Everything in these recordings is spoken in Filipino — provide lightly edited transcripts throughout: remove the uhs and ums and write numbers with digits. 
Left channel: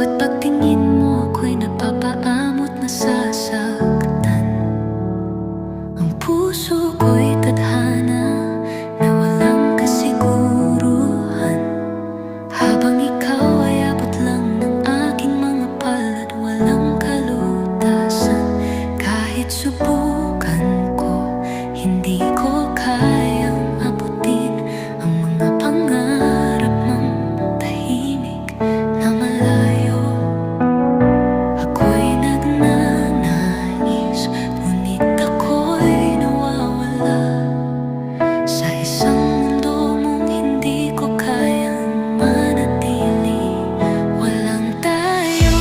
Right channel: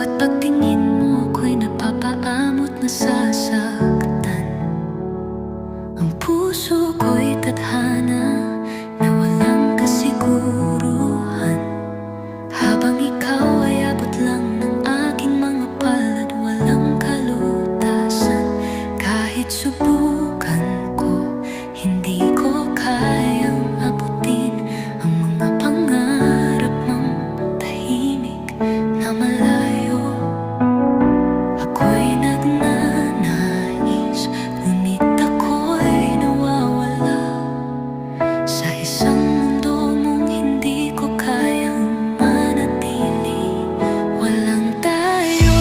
bawat pagtingin mo ako'y napapaamot na sasaktan. Ang puso ko'y tadhana na walang kasiguruhan. Habang ikaw ay abot lang ng aking mga palad, walang kalutasan. Kahit subukan ko, hindi ko kayang abutin ang mga pangarap mong tahimik na malayo. Ako'y nagnanais, ngunit ako'y nawawala sa isang mundo mong hindi ko kayang manatili. Walang tayo,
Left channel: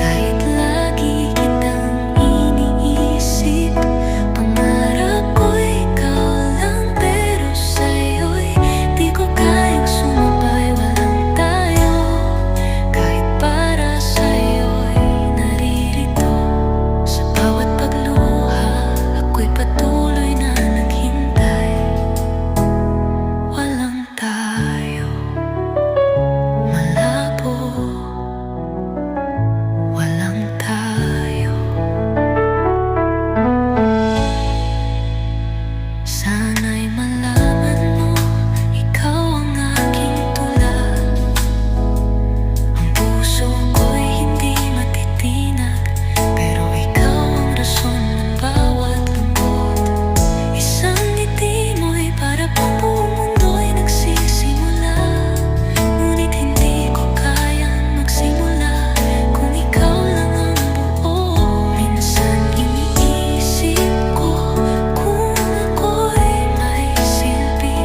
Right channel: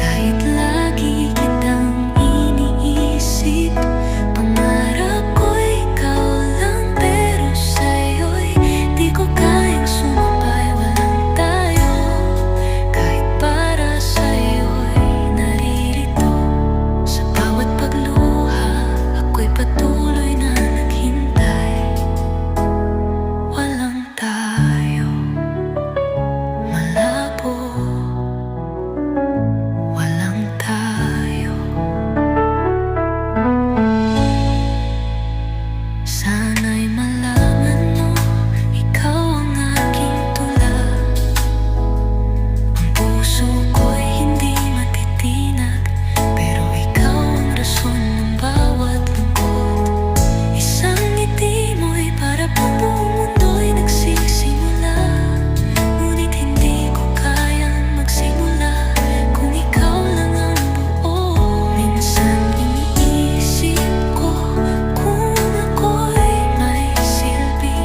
kahit lagi kitang iniisip. Pangarap ko'y ikaw lang, pero sa'yo'y di ko kayang sumabay. Walang tayo, kahit para sa'yo'y naririto. Sa bawat pagluha, ako'y patuloy na naghintay. Walang tayo, malabo. Walang tayo. Sana'y malaman mo, ikaw ang aking tula. Ang puso ko'y hindi matitinag, pero ikaw ang rason ng bawat lungkot. Isang ngiti mo'y para bang buong mundo'y nagsisimula. Ngunit hindi ko kayang magsimula kung ikaw lang ang buo. Minsan iniisip ko kung ako'y may silbi,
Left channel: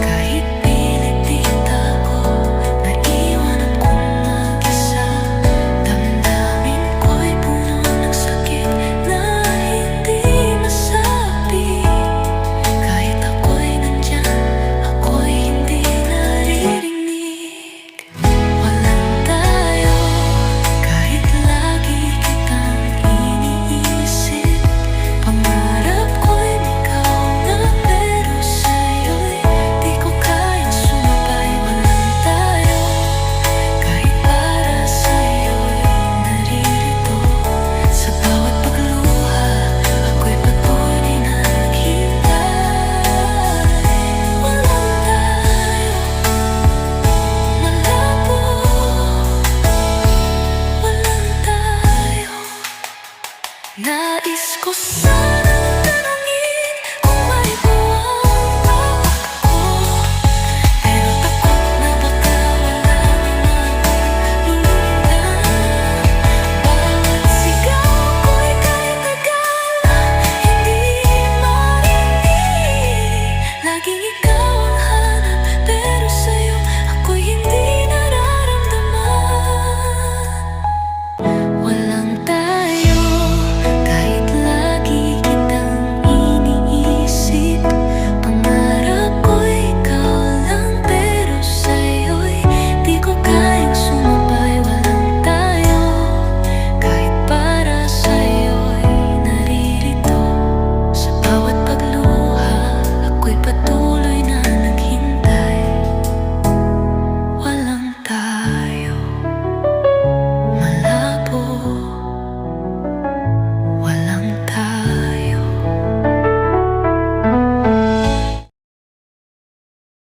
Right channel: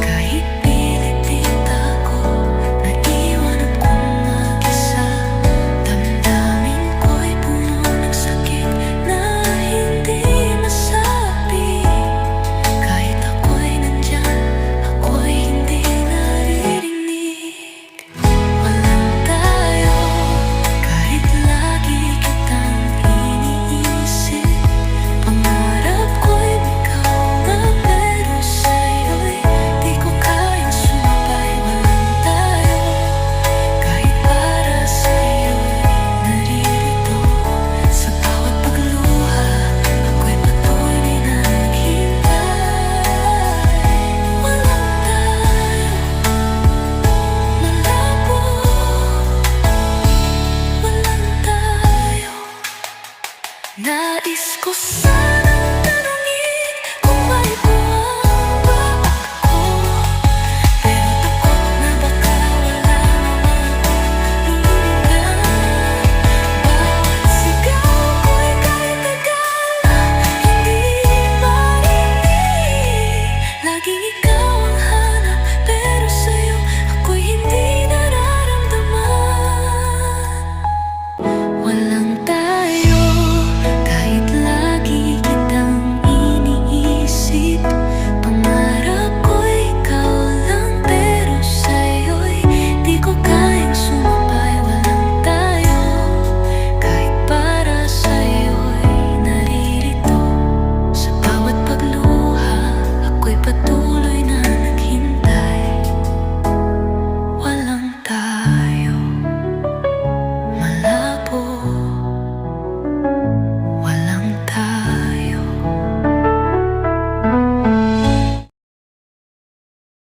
kahit pilit itago, naiwan akong mag-isa. Damdamin ko'y puno ng sakit na hindi masabi. Kahit ako'y nandyan, ako'y hindi naririnig. Walang tayo, kahit lagi kitang iniisip. Pangarap ko'y ikaw na, pero sa'yo'y di ko kayang sumabay.